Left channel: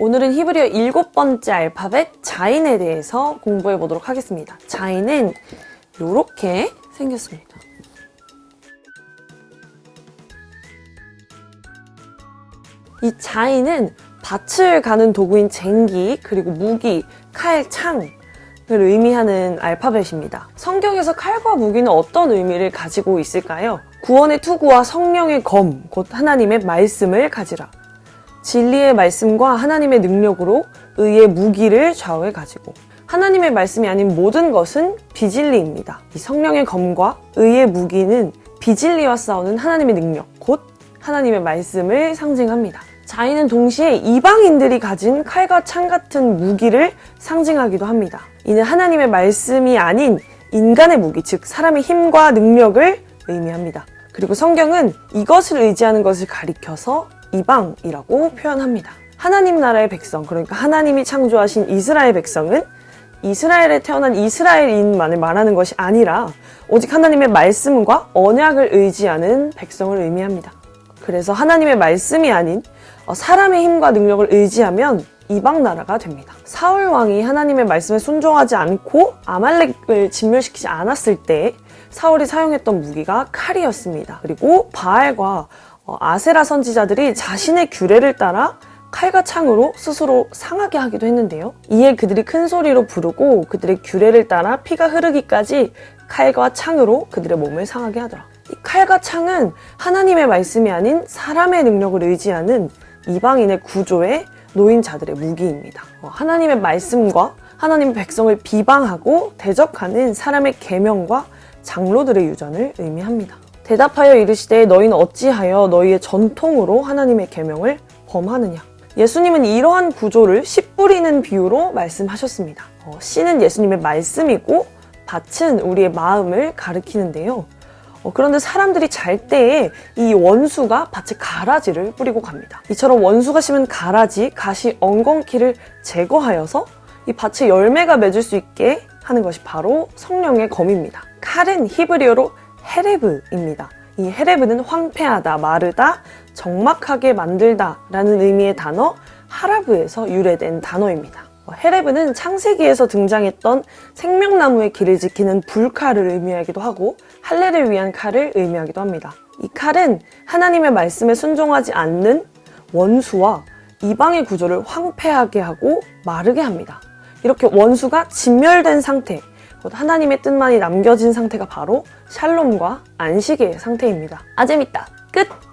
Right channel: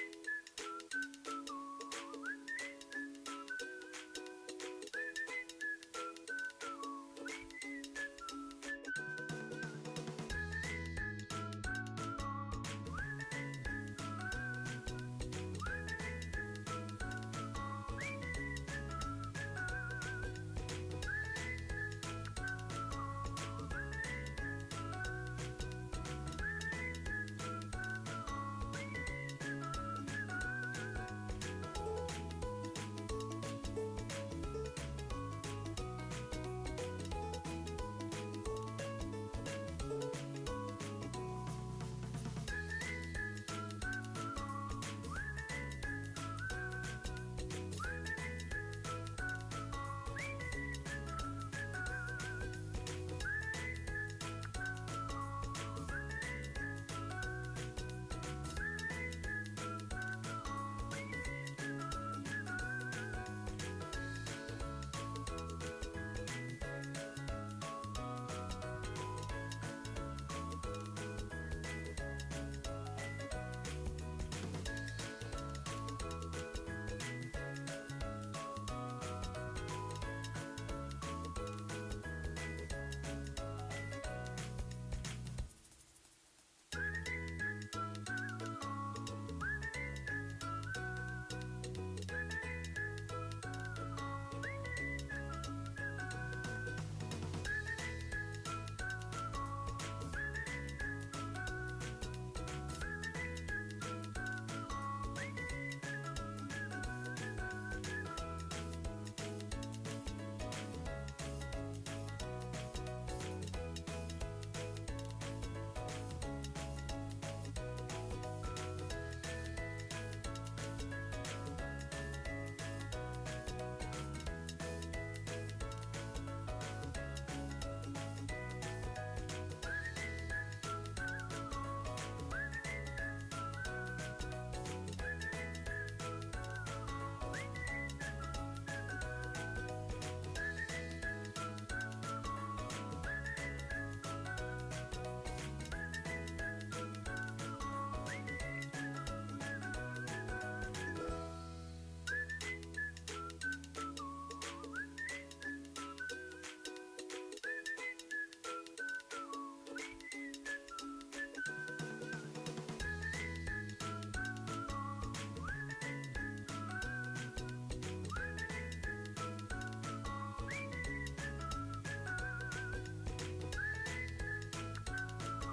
오늘은 히브리어 7번째 알파벳 자인에 대해서 공부해 보도록 하겠습니다. 자인은 이렇게 생겼습니다. 이 자인은 밭을 가는 도구인 쟁기, 그리고 무기, 칼, 창을 의미하는 알파벳입니다. 성경에서 칼과 무기는 어떤 의미를 가지고 있을까요? 구원의 투구와 성령의 검, 곧 하나님의 말씀을 가지라. 진리의 말씀과 하나님의 능력으로 의의 무기를 좌우에 가지고, 하나님의 말씀이 아닌 모든 것은 비진리입니다. 이 성령의 검과 의의 무기는 비진리와 싸우는 하나님의 능력, 곧 하나님의 말씀을 상징합니다. 자인은 동시에 이방인들이 가진 칼과 창 같은 무기를 상징하기도 합니다. 이는 하나님의 말씀이 아닌 인간의 무기, 즉 사람의 힘과 능력을 의미합니다. 그리고 성경은 이것을 의지하는 것을 가리켜서 이방이라고 표현합니다. 하나님 나라의 백성, 그러니까 하나님이 창조하신 이스라엘 백성은 이스라엘에 태어난 이스라엘인만을 말하는 것이 아니라 오직 하나님의 말씀과 언약을 의지하는 백성을 의미합니다. 그래서 하나님의 말씀이 아닌 사람의 힘과 능력을 의지하면 이방 나라가 됩니다. 사울 왕이 하나님의 말씀에 순종하지 않고 아말렉을 진멸시키지 않았을 때 사울이 사용했던 무기가 칼이었습니다. 그리고 바알과 아세라 선지자들이 자신의 규례를 따라 칼과 창으로 스스로 상하게 하기도 했는데요. 이에 그들이 큰 소리로 부르고 그들의 규례를 따라 피가 흐르기까지 칼과 창으로 그들의 몸을 상하게 하더라. 이 칼과 창은 하나님의 말씀이 아닌 사람의 능력을 의지하는 이방인의 구조에 놓인 자들의 무기입니다. 하나님의 말씀과 하나님의 백성을 비방하고 대적하는 사람의 계명과 장로들의 유전을 의미합니다. 대답하여 이르시되 너희는 어찌하여 너희의 전통으로 하나님의 계명을 범하느냐. 예수님은 이러한 구조를 씨 뿌리는 비유로 말씀하셨습니다. 씨는 예수님의 말씀이고 밭은 우리의 마음을 가리키는데요. 그런데 사람들이 잘 때에 이 원수가 밭에 가라지를 뿌리고 갑니다. 이처럼 원수가 심은 가라지, 가시, 엉겅퀴를 제거하여서 이 밭에 열매가 맺을 수 있게 하는 것이 바로 성령의 검입니다. 칼은 히브리어로 헤레브입니다. 이 헤레브는 황폐하다, 마르다, 적막하게 만들다 라는 의미의 단어 하라브에서 유래된 단어입니다. 헤레브는 창세기에서 등장했던 생명나무의 길을 지키는 불칼을 의미하기도 하고 할례를 위한 칼을 의미하기도 합니다. 이 칼은 하나님의 말씀에 순종하지 않는 원수와 이방의 구조를 황폐하게 하고 마르게 합니다. 이렇게 원수가 진멸된 상태, 하나님의 뜻만이 남겨진 상태가 바로 샬롬과 안식의 상태입니다. 아 재밌다. 끝!